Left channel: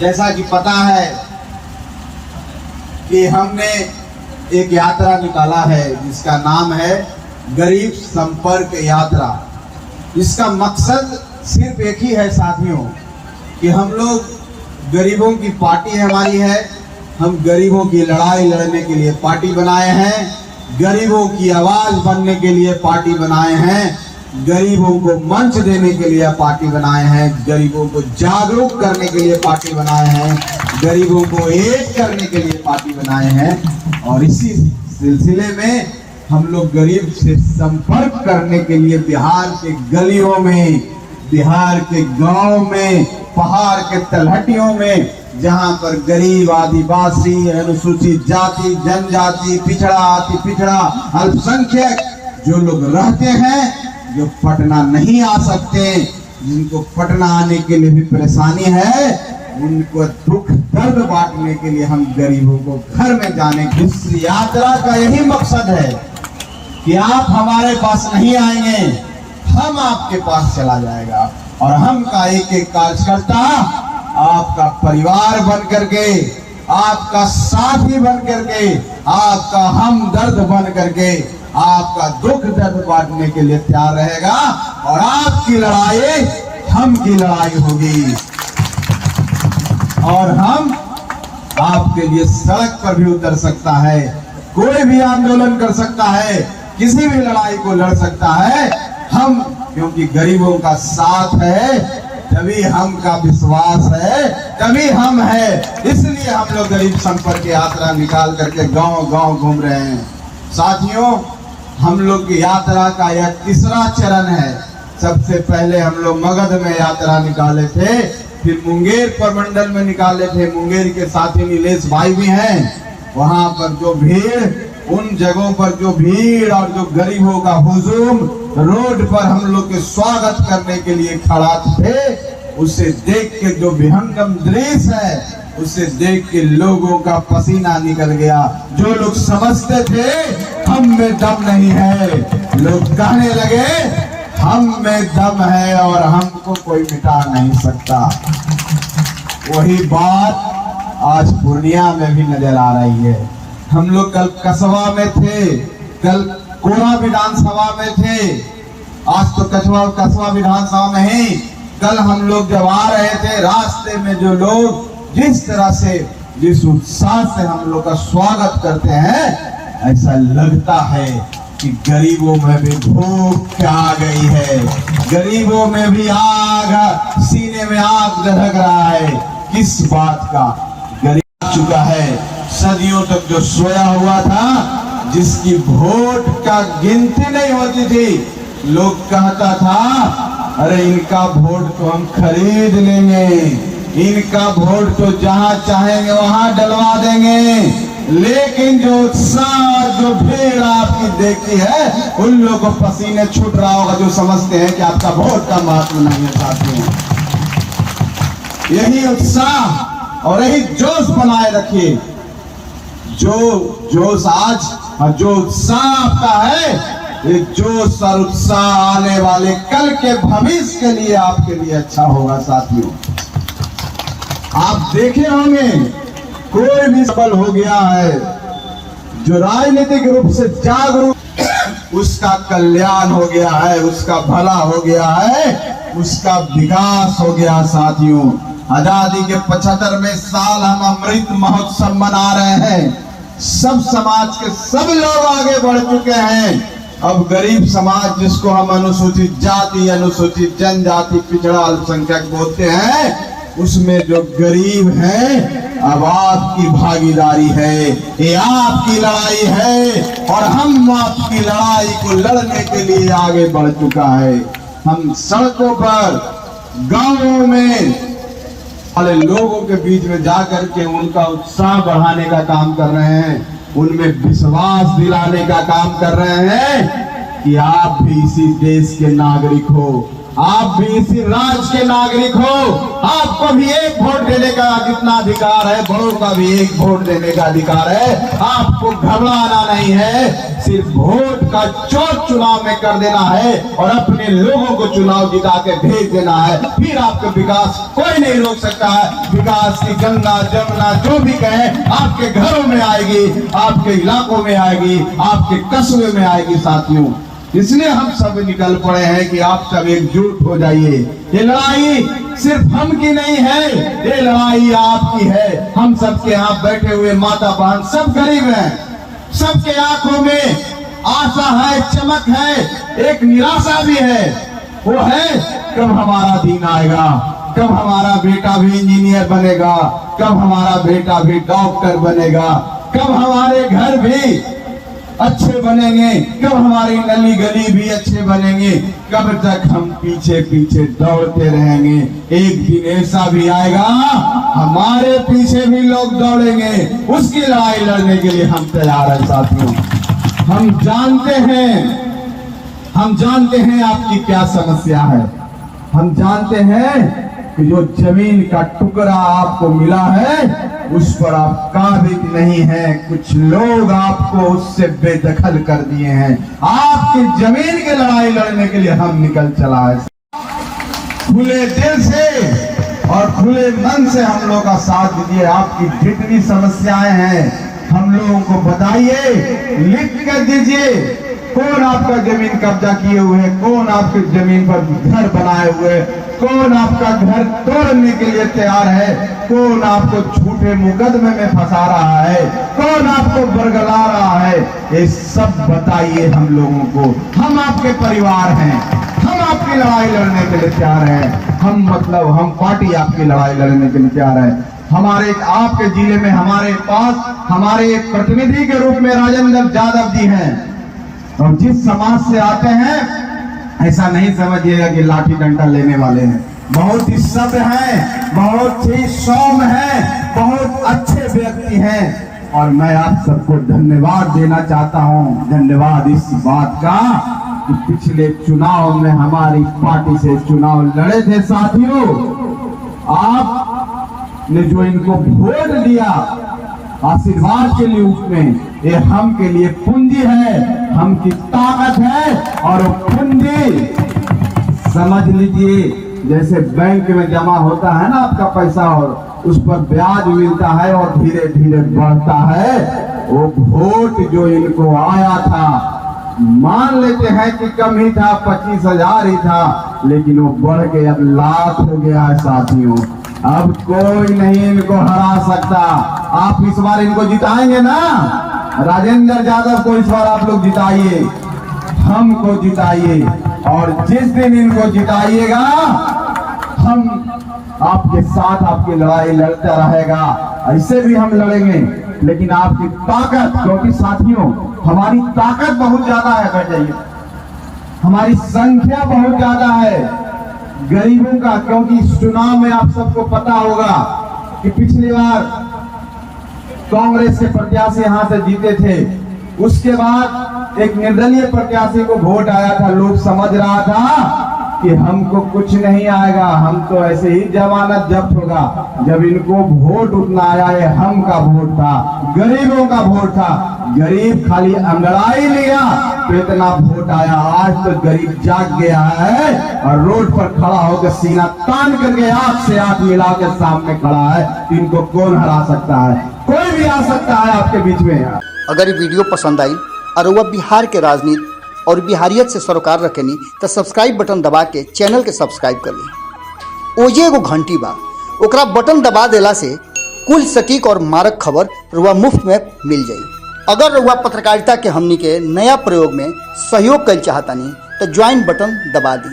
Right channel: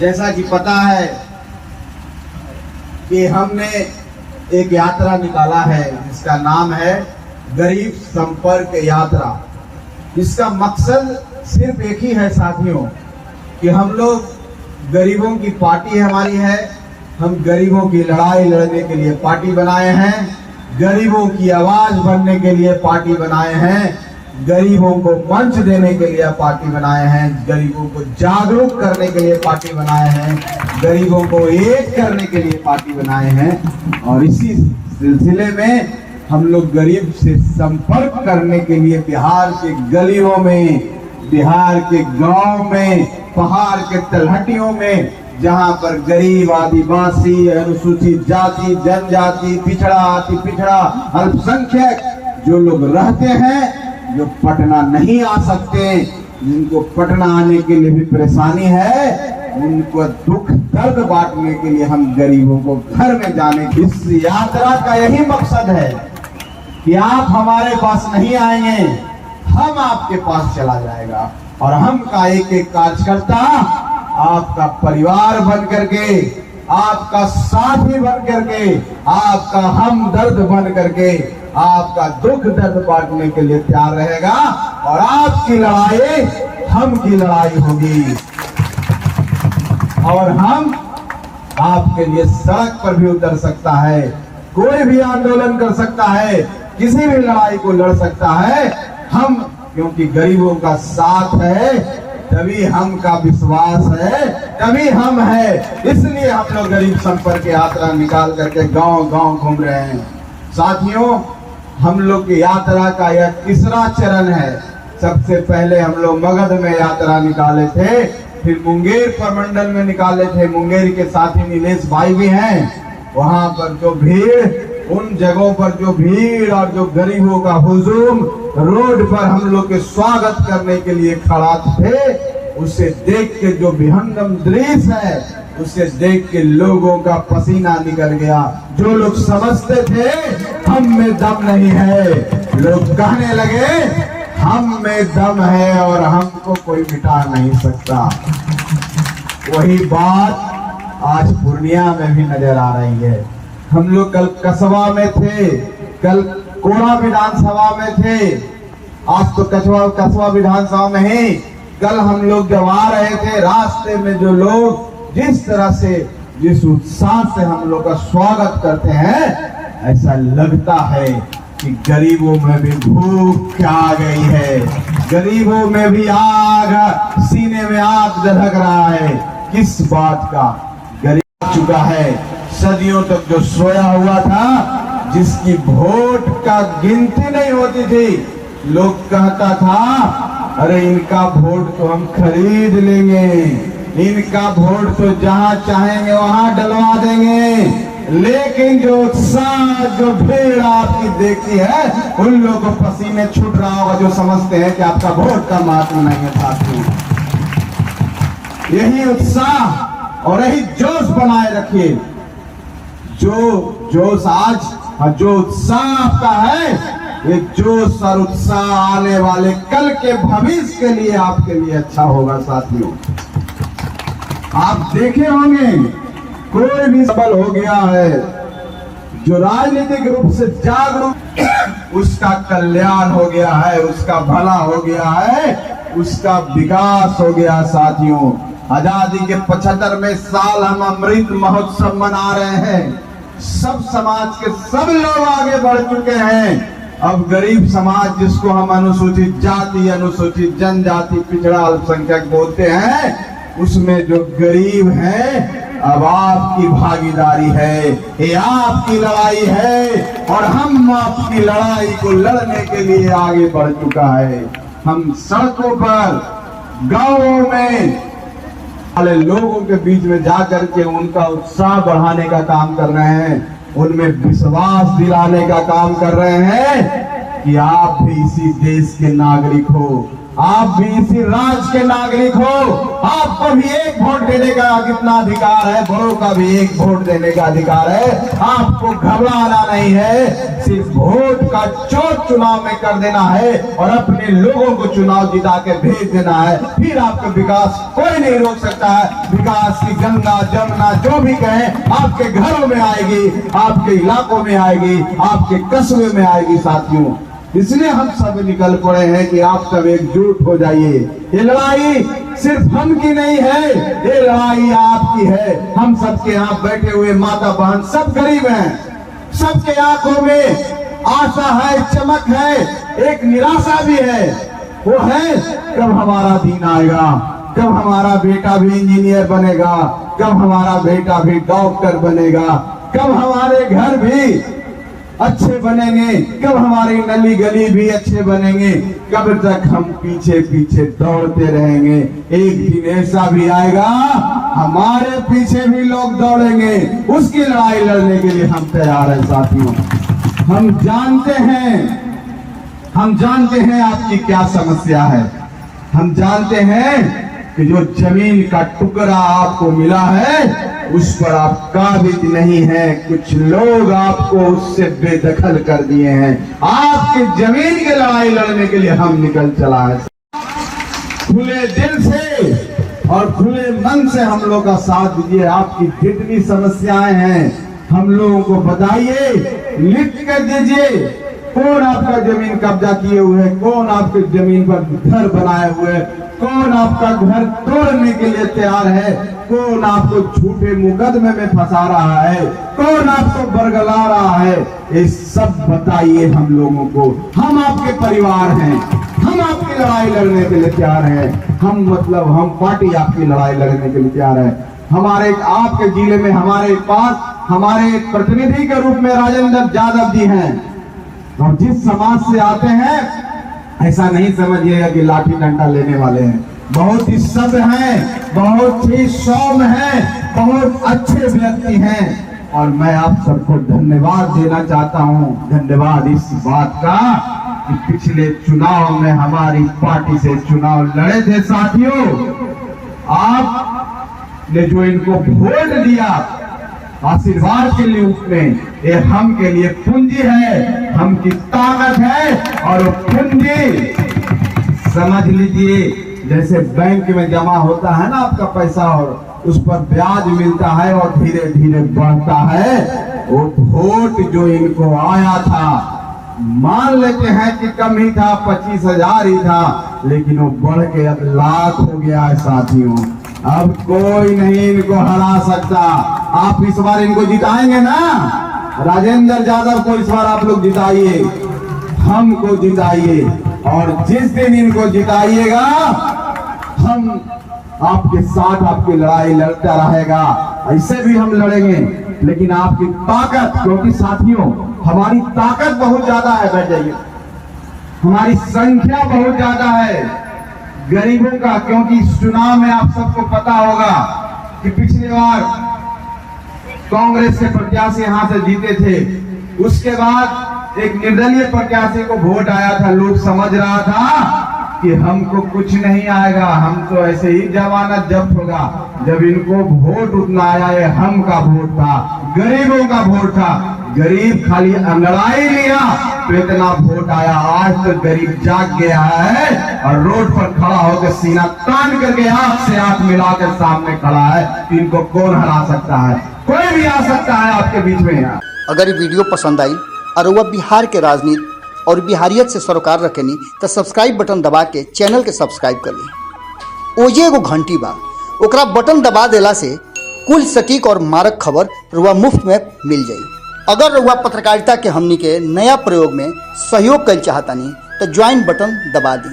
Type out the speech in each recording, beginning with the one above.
जैसा कि पता है कि हमने एक यात्रा निकाला है जिसका नाम है गरीब संपर्क यात्रा। इसका मकसद सिर्फ एक ही है साथियों कि हम लोग गरीबों की पार्टी हमारी है। हम गरीबों की लड़ाई लड़ने के लिए पार्टी बनाए हैं, गरीबों की आवाज बनने के लिए पार्टी बनाए हैं, गरीबों को मंच देने के लिए पार्टी बनाए हैं, गरीबों को जागरूक करने के लिए पार्टी बनाए हैं, गरीबों को एक करने के लिए पार्टी बनाए हैं। और इसी सिलसिले में हम लोग गरीब से संपर्क करने के लिए बिहार के गलियों में, बिहार के गांव में, पहाड़ के तलहटियों में, जहां पर गरीब, आदिवासी, अनुसूचित जाति, जनजाति, पिछड़ा, अति पिछड़ा, अल्पसंख्यक जो लोग रहते हैं, जो पटना नहीं आ सकते, जिनको पटना आने के लिए भी परेशानी है, उनको दुख दर्द बांटने के लिए हम गरीबों को घर में जाने की इस यात्रा का यही मकसद है कि आप हमारे पास नहीं आएंगे, हम आपके पास चला जाएगा और हम का एक एक कार्यकर्ता आपका परिवार बन करके, आपका साथी बन करके, आपका हमदर्द बन करके, आपका दुख दर्द बांटने के लिए तैयार रहेगा और आपकी लड़ाई हम की लड़ाई होगी और हम आपके लिए सड़क पर भी उतर सकता है, कोई भी आंदोलन कर सकता है, किसी भी लड़ाई को लड़ सकता है। हम क्योंकि गरीबों का साथ है, तभी हम का विश्वास है, तभी हम है, इसलिए हम लोग गरीब संपर्क यात्रा निकाल करके गांव गांव घूम रहे हैं। साथियों, हम लोग की यात्रा का यह तीसरा चरण है। सबसे पहले हम लोग मगध में यात्रा निकाले थे, फिर मुंगेर प्रमंडल में निकाले थे। मुंगेर के साथी नीलेश भाई भी हैं। वहां पर जो भीड़, उन जगहों पर जो भीड़ और जो गरीबों का हुजूम रोड पर हम लोग के स्वागत करने के लिए खड़ा थे, उसे देख के जो विहंगम दृश्य है, उसे देख के लोगों का पसीना निकल गया। जो लोग समझते थे हम में दम नहीं है, लोग कहने लगे हम में दम है और हमको कोई मिटा नहीं सकता। वही बात आज पूर्णिया में भी नजर आ रही है। हम लोग कल कसबा में थे, कल कोड़ा विधानसभा में थे, आज तो कसबा विधानसभा में ही। कल हम लोग जब आ रहे थे, रास्ते में जो लोग जिस तरह से, जिस उत्साह से हम लोग का स्वागत करते हैं, ऐसा लगता है कि गरीबों में भी भूख आ गई है, गरीबों में भी आग, सीने में आग दहक रहा है। किस बात का? गरीब चुका है, सदियों तक जो सोया हुआ था, जिसकी वोट का गिनती नहीं होती थी, लोग कहता था अरे इनका वोट तो हम खरीद लेंगे, इनका वोट तो जहां चाहेंगे वहां डलवा देंगे। लेकिन जो उत्साह, जो भीड़ आपकी देखी है, उन लोगों को पसीने छूट रहा होगा जो समझते हैं कि आपका वोट का महत्व नहीं है। साथियों, यही उत्साह और यही जोश बनाए रखिए। जो जोश आज, जो उत्साह आपका है, ये जोश और उत्साह आने वाले कल के भविष्य के लिए आपके लिए अच्छा होगा। साथियों, आप देखे होंगे कोई भी सफल हो गया है, जो राजनीतिक रूप से जागरूक, उसका कल्याण हो गया है, उसका भला हो गया है, उसका विकास हो गया। साथियों, आजादी के 75वें साल हम अमृत महोत्सव मना रहे हैं। सब समाज के सब लोग आगे बढ़ चुके हैं। अब गरीब समाज, जिसको हम अनुसूचित जाति, अनुसूचित जनजाति, पिछड़ा, अल्पसंख्यक बोलते हैं, उसमें जो गरीब हैं, अब आपकी भागीदारी है, ये आपकी लड़ाई है और हम आपकी लड़ाई को लड़ने के लिए आगे बढ़ चुका है। हम सड़कों पर, गांवों में वाले लोगों के बीच में जाकर के उनका उत्साह बढ़ाने का काम कर रहे हैं, उनमें विश्वास दिलाने का काम कर रहे हैं कि आप भी इसी देश के नागरिक हो, आप भी इसी राज्य के नागरिक हो, आपको आपको भी एक वोट देने का जितना अधिकार है, बड़ों का भी एक वोट देने का अधिकार है। आपको घबराना नहीं है, सिर्फ वोट का चौथ चुनाव में कर देना है और अपने लोगों को चुनाव जिता के भेज देना है। फिर आपका विकास कोई नहीं रोक सकता है। विकास की गंगा जमुना जो भी कहे आपके घरों में आएगी, आपके इलाकों में आएगी, आपके कस्बे में आएगी साथियों। इसलिए हम सब निकल पड़े हैं कि आप सब एकजुट हो जाइए। ये लड़ाई सिर्फ हम की नहीं है, ये लड़ाई आपकी है। हम सबके यहाँ बैठे हुए माता बहन सब गरीब हैं, सबके आंखों में आशा है, चमक है, एक निराशा भी है। वो है कब हमारा दिन आएगा, कब हमारा बेटा भी इंजीनियर बनेगा, कब हमारा बेटा भी डॉक्टर बनेगा, कब हमारे घर भी अच्छे बनेंगे, कब हमारी नली गली भी अच्छे बनेंगे, कब तक हम पीछे पीछे दौड़ते रहेंगे। एक दिन ऐसा भी आएगा हमारे पीछे भी लोग दौड़ेंगे। उसकी लड़ाई लड़ने के लिए हम तैयार हैं साथियों। हम जानते हैं आपकी क्या समस्या है। हम जानते हैं कि जो जमीन का टुकड़ा आपको मिला है उस पर आप काबिज नहीं है। कुछ लोग आपको उससे बेदखल कर दिए हैं। आपकी जमीन की लड़ाई लड़ने के लिए हम निकल चला है। खुले दिल से और खुले मन से हम लोग का साथ दीजिए। आपकी जितनी समस्याएं हैं हम लोगों को बताइए, लिख कर दीजिए। कौन आपका जमीन कब्जा किए हुए है, कौन आपकी जमीन पर घर बनाए हुए है, कौन आपका घर तोड़ने के लिए तैयार है, कौन आपको झूठे मुकदमे में फंसा रहा है, कौन आपको बरगला रहा है, ये सब बताइए हम लोगों को। हम आपके परिवार हैं, हम आपकी लड़ाई लड़ने के लिए तैयार हैं। हम पार्टी आपकी लड़ाई लड़ने के लिए तैयार है। हमारे आपके जिले में हमारे पास हमारे प्रतिनिधि के रूप में राजेंद्र यादव जी हैं और जिस समाज से आते हैं ऐसा नहीं समझिएगा कि लाठी डंडा लेने वाले हैं। बहुत ही सभ्य हैं, बहुत ही सौम्य हैं, बहुत अच्छे व्यक्ति हैं और मैं आप सबको धन्यवाद देना चाहता हूं। धन्यवाद इस बात का कि पिछले चुनाव में हमारी पार्टी से चुनाव लड़े थे साथियों। आपने जो इनको वोट दिया आशीर्वाद के रूप में, ये हम के लिए पूंजी है, हम की ताकत है और वो पूंजी समझ लीजिए जैसे बैंक में जमा होता है ना आपका पैसा और उस पर ब्याज मिलता है और धीरे धीरे बढ़ता है। वो वोट जो इनको आया था, मान लेते हैं कि कम ही था, 25,000 ही था, लेकिन वो बढ़ के अब लाख हो गया है साथियों। अब कोई नहीं इनको हरा सकता। आप इस बार इनको जिताएंगे ना, राजेंद्र यादव को इस बार आप लोग जिताइए, हमको जिताइए और जिस दिन इनको जिताइएगा हम आपके साथ आपकी लड़ाई लड़ता रहेगा। ऐसे भी हम लड़ेंगे लेकिन आपकी ताकत, क्योंकि साथियों हमारी ताकत बहुत ज्यादा है, बैठ जाइए, हमारी संख्या बहुत ज्यादा है गरीबों का। क्योंकि इस चुनाव में आप सबको पता होगा कि पिछली बार कांग्रेस के प्रत्याशी यहां से जीते थे, उसके बाद एक निर्दलीय प्रत्याशी को वोट आया था। लोग समझ रहा था कि हमको कुछ नहीं आएगा, हम तो ऐसे ही जमानत जब्त होगा। जब इनको वोट उतना आया है, हम का वोट था, गरीबों का वोट था। गरीब खाली अंगड़ाई लिया तो इतना वोट आया। आज तो गरीब जाग गया है और रोड पर खड़ा होकर सीना तान करके आंख से आंख मिलाकर सामने खड़ा है। इनको कौन हरा सकता है? कोई भी आ सकता है आपके बीच में। अगर ये वीडियो पसंद आई और वह बिहार के राजनीति और बिहारियत से सरोकार रखेनी तो सब्सक्राइब बटन दबा के चैनल के सब्सक्राइब कर ली। ओजे एगो घंटी बा, ओकरा बटन दबा देला से कुल सटीक और मारक खबर रुआ मुफ्त में मिल जाई। अगर रुआ पत्रकारिता के हमनी के नया प्रयोग में सहयोग कर चाहतानी तो ज्वाइन बटन दबा दी।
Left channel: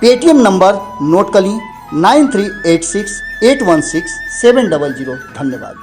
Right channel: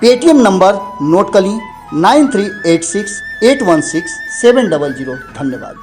पेटीएम नंबर नोट कर ली 9386816700। धन्यवाद।